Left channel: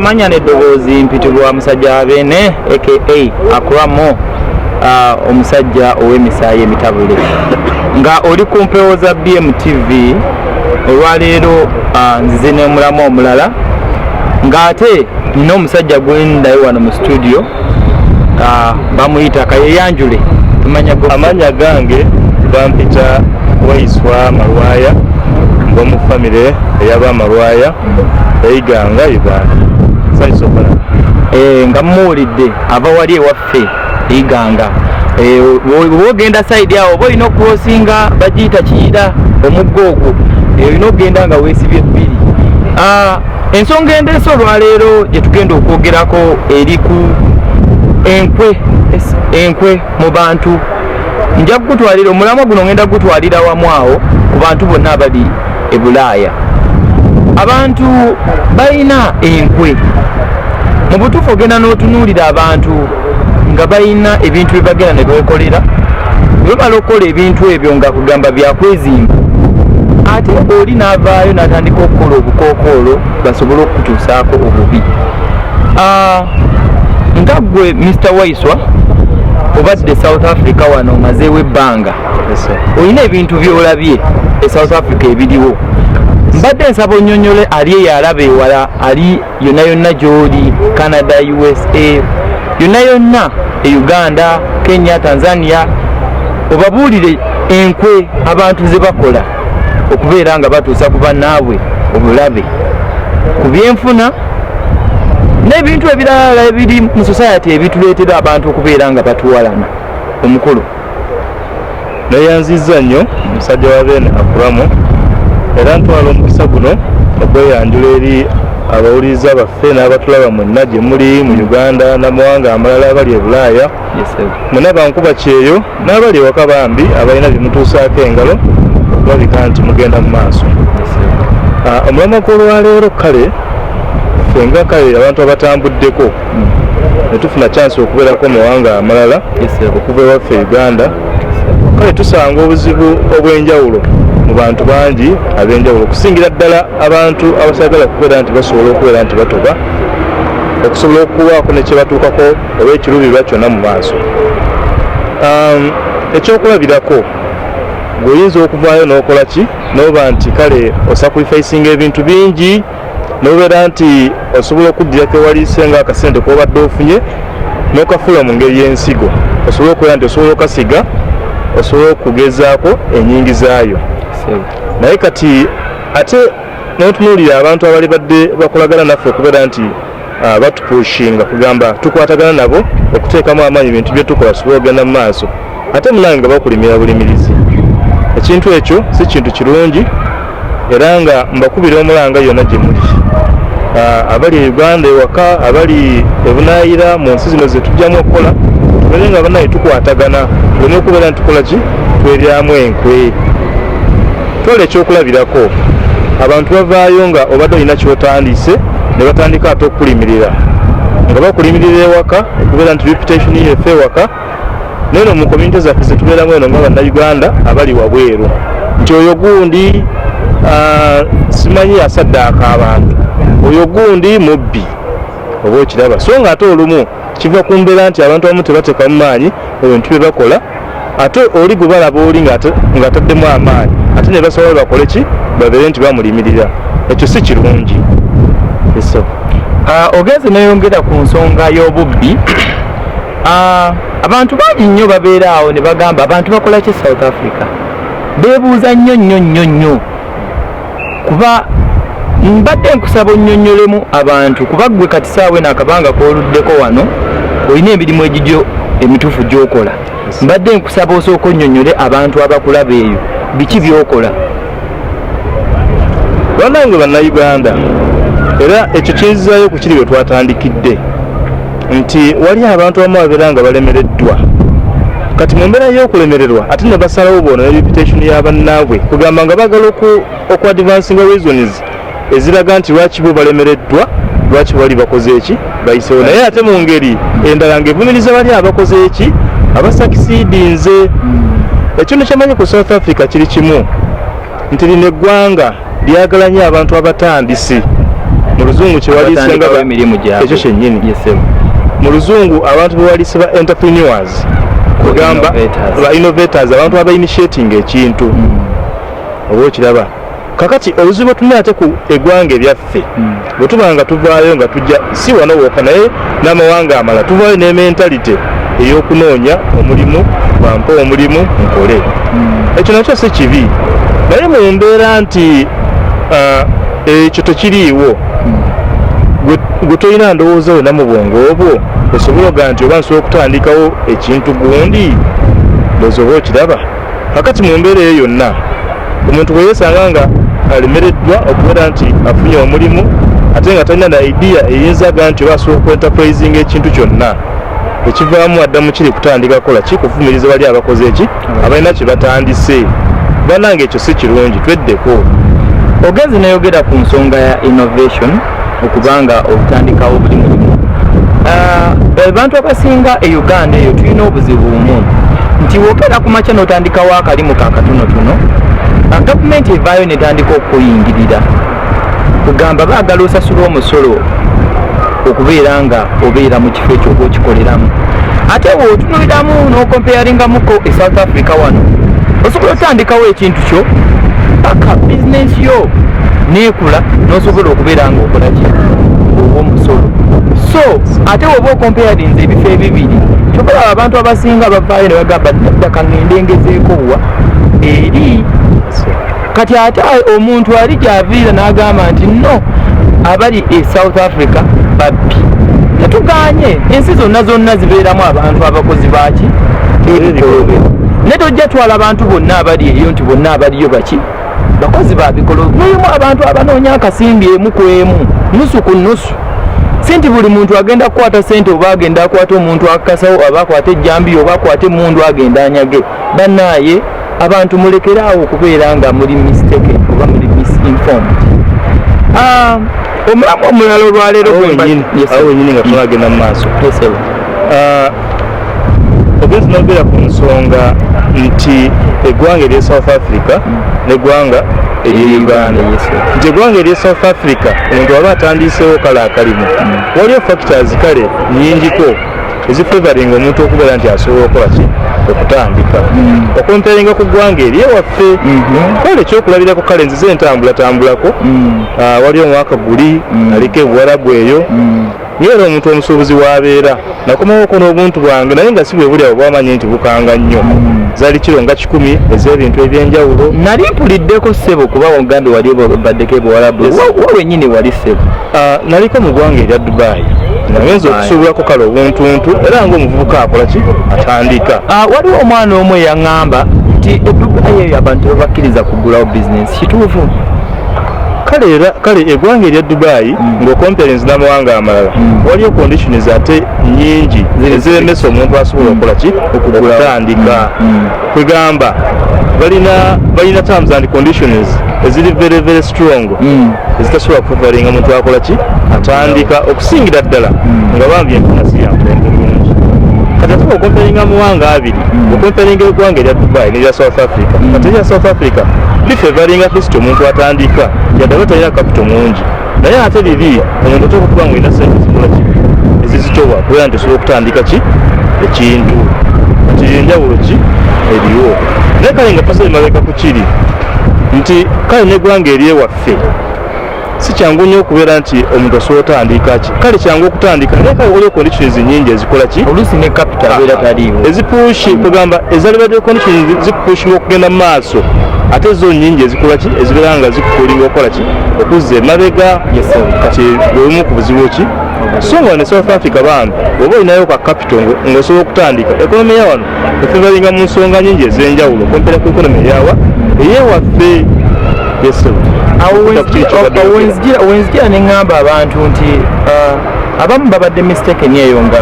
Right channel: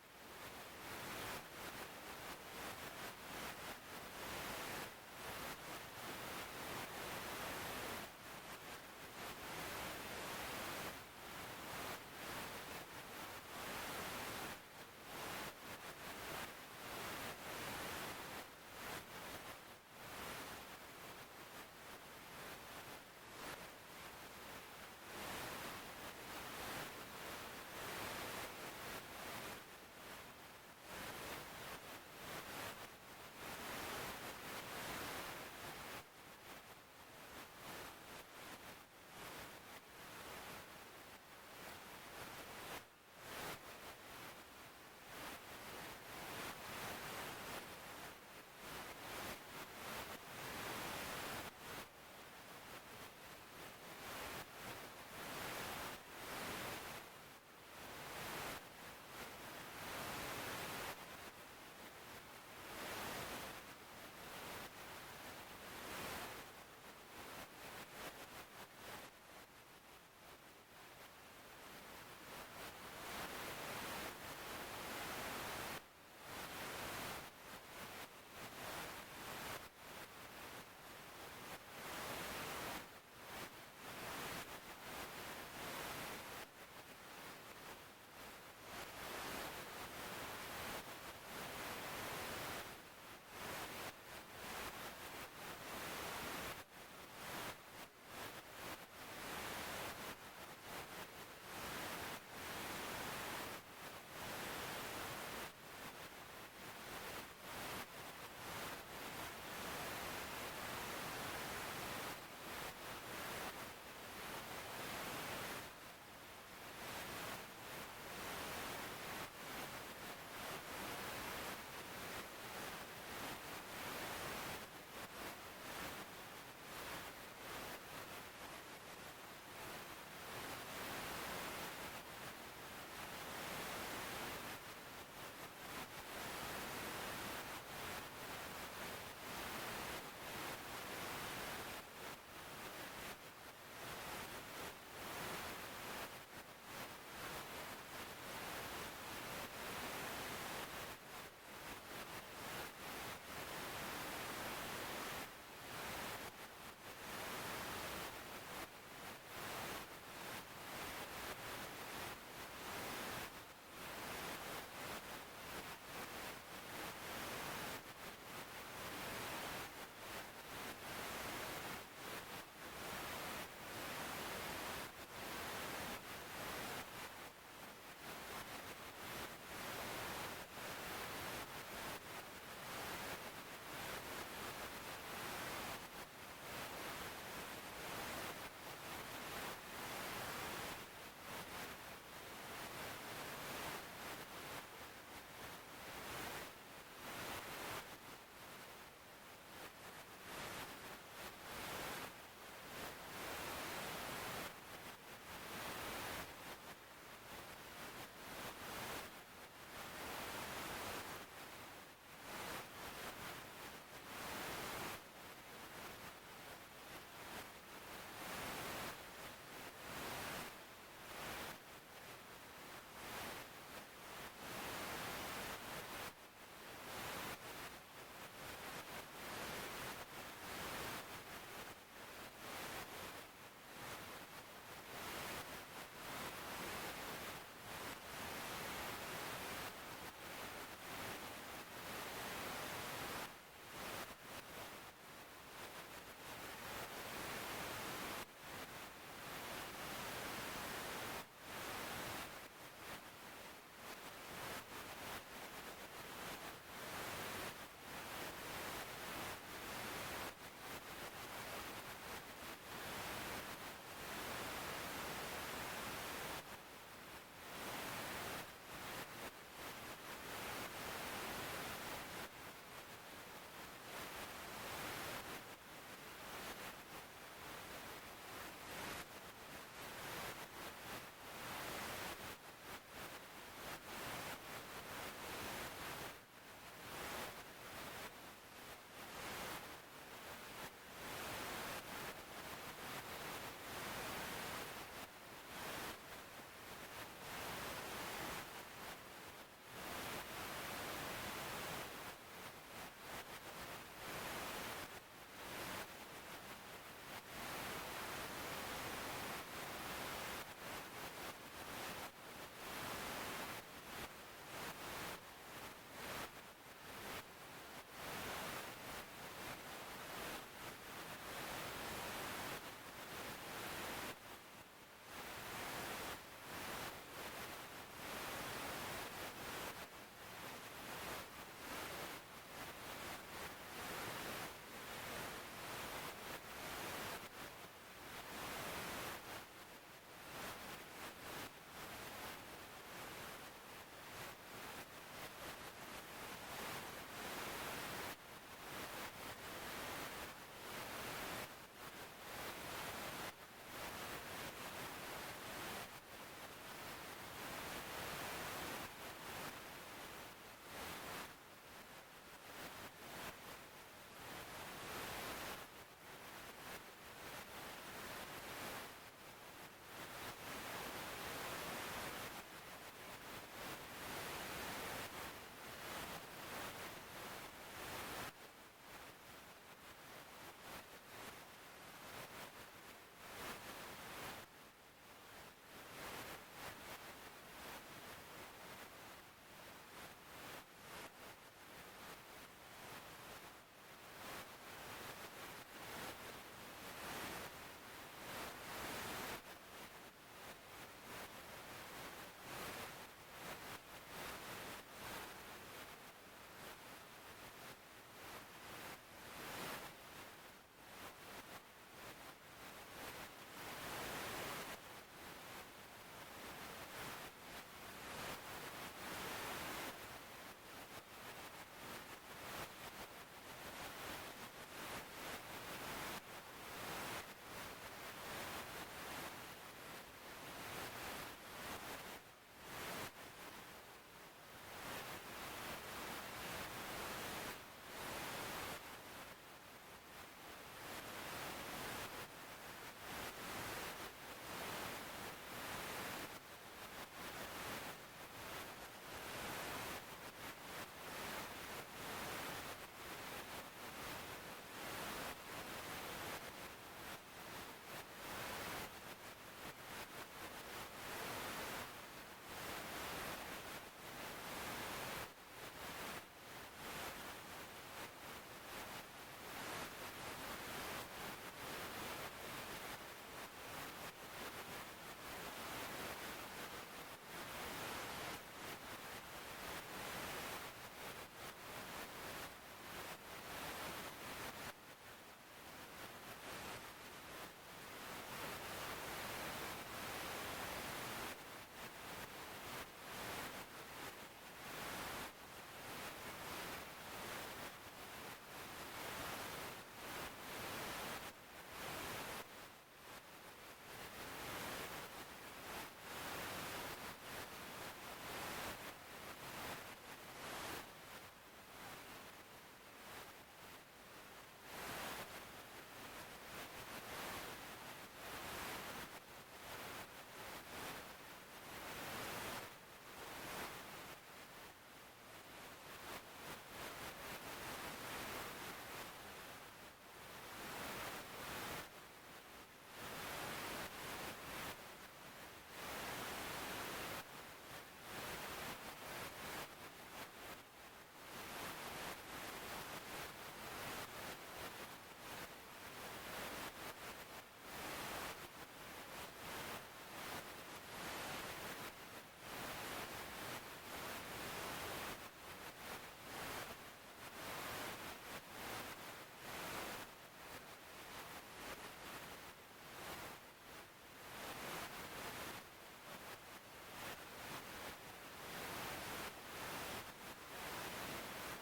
Manya n'eddoboozi mpitibwa musajja Abene aka Akuramo, omusajja ow'emisaayi emitabule nga oli ku mpewo za BMTV. Olwaleero nzize ne mulamu omulala ng'ate nina omusajja gwendayo wano mu studio bamuyita Kayeyanjule. Amanya gange bampita Waiswa Malwaya ng'omu famire ey'Abamalwaya eyiganga Uganda. Saisokola nga muwulidde aba wali ewaffe eyiganga. Bw'ogenda sayidi awo oba olina okulosinga bagiyita Kiyira omuggo ogwo, olina okugenda nga weesibye bbiri. Ensonga endeese olwaleero gye tugenda okwogerako eri ku enkwe mu bantu. Nja kugutwalira omulamwa guno, ngenda kugutwalira wamu awo ku bantu bonna abali e Bulaaya. Abantu balina enkwe. Mu butuufu ogenda n'otunuulira abantu nga balina ebintu bye bagenda ne beekolera. Bwe bamala okukola ebintu ebyo nga kugamba byakwezimba, ate oli n'avaayo n'atandika okukola obukookoolo basobole okutuusaako obubi. Nga ggwe Mr. Waiswa obadde South Africa wano omazeewo ebbanga, olina ebintu by'olabye e South Africa ebiriwo. Mbadde nsaba onnyonnyole ali eyo alaba ewala, ali yonna yonna gy'oli, Canada, USA, yonna yonna e Uganda, Kenya, Tanzania, obabuulire enkwe abantu ze bakola okubeera nga batuusa ku bannaabwe obulabe ku byenfuna n'ebintu ebirala ebiri mu society ebituleetera abantu okubeera nga batuwalana. Omukulu neyanziza nnyo omusajja wa Bene Akuramo, era ntwala omukisa guno okweyanjula eri abawuliriza baffe n'abatulaba mwenna gye muli mu Uganda n'amawanga amalala abali e Bulaaya. Mwenna bankuba kyeyo n'abali ewaka bambi abalina bimutuusaako engalo okulabika nti mugenda mu maaso. Omulamwa gw'olwaleero kale fenga kale abantu abatambuddeko ne tufuna chance okubeerako mu mawanga amalala okuva ewaffe Uganda, kale tusanga obuzibu obw'enjawulo mu bantu bangi ab'enjawulo, okusingira ddala abantu abasagala kubeera nti basobola okubeera nti batoba okusobola okuwaako ne kye batuukako oba ekiruubirirwa kyonna mu maaso. Ekyokulabirako ng'oyinza okuvaayo n'okola ki n'oba nti kale osacrificing ebintu bingi n'obeera nti osobola okuddirako ewaliise nga akasente k'obadde ofunye n'okafula mu ngeri y'ensigo, osobola okubeera nti osobola okasiga, osobola okugezaako ennyingi zaayo. Naye kati ate n'otunuulira abantu abali badde bakolagana naffe okubeera nti batupushinga kugamba tukwatagana nabo okuteekamu amaanyi bintu bye tukola tusobole okugenda mu maaso, ate munange nga bakulimira bulimirizi. Ekintu ekyo si kintu kirungi, era nga mbakubira omulanga yonna gye muli, abali e Uganda ewaka, abali ebunaayira mu nsi zino ze tujjamu okukola, tubeere nga banaye tukwatagana, tuleme okubeera nti tukola ki tweryamu enkwe. Twala ekyokulabirako, abantu bavaayo nga obadde olina kyotandise ne batandika ate okukulimirira, nga bakulimirira ewaka okubeera nti reputation yeffe ewaka, neno mu community zaffe ze tubeeramu eno nga bannayuganda abali wabweru, nti oyo gundi simanyi asaddaaka abantu, oyo gundi mubbi oba okiraba. So nga ate olumu kiva ku mbeera nti abantu abamu tebateeka mu maanyi ebintu bye bakola, ate oli gwe balaba oli ng'ataddemu amaanyi ate ne basobola bakole ki babeere nti bamulimirira. Ekyo si kirungi. Ogenze neyongera ku nsonga y'obubbi. Abantu bangi nnyo babeera awo ne bagamba abantu bakola ki South Africa, beebuuza nnyo kuba mbadde nkusaba onnyonnyolemu abantu, kuba ggwe kati saawe n'akabanga k'oluddeko wano olina emirimu egigyo emituufu gy'okola. Mbadde nkusaba osooka onnyonnyole abantu abakulaba eyo biki by'okola. Bannange bannayuganda, era ekyo kinzizaayo ku kiri bwe twatandikidde, nti wali abantu abamu babeera nga balemereddwa. Kati mu mbeera y'okulemererwa ate ne basalawo boona ne reputation y'abannaabwe kugamba nga bagala oku advancing reasons eziraga nti lwaki bo balemereddwa, lwaki bali bakoze eki bayisewo. Naye ate mu ngeri endala ng'evumiriza bali abakoze eki abasakisiidinze. Ekintu kyamanyi ku South Africa kiri kimu, nti lino eggwanga lyagala nnyo abantu abatandisi mu luzungu kyewaliisenga ekyo kyennyini. Mu luzungu abantu bewaliise ba entrepreneurs kugamba ba innovators, abantu abainitiating ekintu oba okiraba. Kakati obuzibu tulina ate ku eggwanga eryaffe bwe tuba nga tuvaayo nga tujja si wano wokka naye n'amawanga amala tuvaayo ne mentality ey'okunoonya omulimu bampa omulimu nkole. Ekyo nakyo si kibi naye mu mbeera nti ekyo tekiriiwo gwe tolina ndowooza wena mu bwongo obwo osobola ogaa nti oba nsobola okutandikawo ekintu gundi ndowooza oba okiraba. Kakati mu mbeera eyo yonna omuntu bwe yeesanga nga alemereddwa okubeera nti afunye omulimu ate nga talina na idea eyinzaga nti oba asobola okuenterprising ekintu kyonna ekivaamu addamu kiri kutandika kukola ki kuvumiriza bali abakoze eki abalina kye batandise. Bannange ekyo si kirungi, tweddeko. Ogenzi nayogera ku nsonga ya innovation okubanga okutandikawo buli mulimu. Abantu abasinga e Uganda eyo tulina obuzibu bumu nti wogera ku makya n'otandikawo akalimu ka katonotono gavumenti evaayo netandika okuyingirira kugamba baagala osasula omusolo okubeera nga obeera mu kifo ekyo oba okikoleramu. Ate bw'otunuliramu n'okompeyaringamuko e South Africa wano osobola otandikawo ekintu kyo paka bizinensi yo neekula n'osobola okubeera nga okola ki oba omusolo. So ate oba okompeyarinze ebifo ebibiri kyokola abantu abasinga bavaayo ne bagamba ddaka ngende ngezeeko wa eri. Kati ate omuntu ali gy'aviira n'agamba nti no abali e South Africa babbi tetuganye ensi zonna zibeeramu abantu abakozi baaki ebikolobero ne tojja twala abantu bonna abali eyo nti bonna abaliyo baki bakozi ba bikolobero. Mulimu abantu abanoonya akasimbi emu ku emu nusu ku nusu. Si nti buli muntu agenda kukwata sente oba agenda akwata omuntu akakasawo oba akwata ejjambiya oba akwata emundu agenda anyage. Bannaaye abantu mulekeraawo okubeera nga muli mistaken oba muli misinformed. Omulamu omulala olwaleero awo wenyini nga tunagenda mu maaso ogenzi nogera ku nsonga nti eggwanga erye South Africa n'eggwanga erye Uganda. Nti eggwanga erye South Africa omuntu aba atandiiseewo kale akalimu waliyo factors kale nnyingiko ezifavoringa omuntu okubeera nti asobola okukola ki okutandika okumpeeringa ku ggwanga eryewaffe. Kale ekyokulabirako kale nzize entambulatambulako waliyo omwaka guli aliko ebuwarabu eyo ngera omuntu omusuubuzi w'abeera nakomawoko n'obuntu bwange naye nga si bwe buli abo bwamanye nti bukanga nnyo. Zaali kiro nga 10 ez'ebintu ebyenjawulo. Nali mpuliddeko ssebo kuba Uganda wali baddeko ebuwarabu wenyini wali ssebo. Naliko mu ggwanga erya Dubai nagenza okusuubulako kale obuntuntu era ng'omuvubuka akola ki atandika. Waliwo omwana omu eyaŋŋamba nti Dubai eyo abantu tebakkiriza kugulawo bizinensi kituufu? Kale eggwanga erya Dubai ng'okomperinzi n'amawanga amalala waliyo conditions ate nnyingi eziremesa omuntu asobola okukola ki okutandika. Kwegamba balina terms and conditions eziri very very strong ezitasobola kufavaringa omuntu akola ki atandika okusingira ddala nga bambi enfuna si yamulembe bulungi. Kati ate okomperinga amawanga abiri okomperinga eggwanga erya Dubai n'erya South Africa kati erya South Africa lifavaringa kristo omuntu atandika yadde talina capital mungi naye ate liri omuntu oteeka okuba nga olina sente zikola ki ezizitowa kubeera nti osobola okutandika ki ekintu kati enjawulo ki eriwo. Naye kale nga pasale mabega ku kiri nti kale n'eggwanga eryewaffe si kyangu nnyo okubeera nti omuntu osobola otandika ki. Kale kyangu okutandika naye kale waliwo conditions nnyingi ezikola ki oluusi ne capital abeera taliiwo ezipushi kugamba ezalibadde conditions zikupushinga okugenda mu maaso ate zo nnyingi ezikola ki ezibeera nga zikukulinga okukola ki okuzza emabega. Kati bwebumu ku buzibu ki so nga ne South Africa bambi oba olinayo ka capital ng'osobola okutandika ekonomi ya wano efavaringa mu nsonga nnyingi ez'enjawulo kompera ku ekonomi eyawa eyewaffe. Wenzijira ne ŋŋamba abantu nti abamu babadde mistaken eyo nga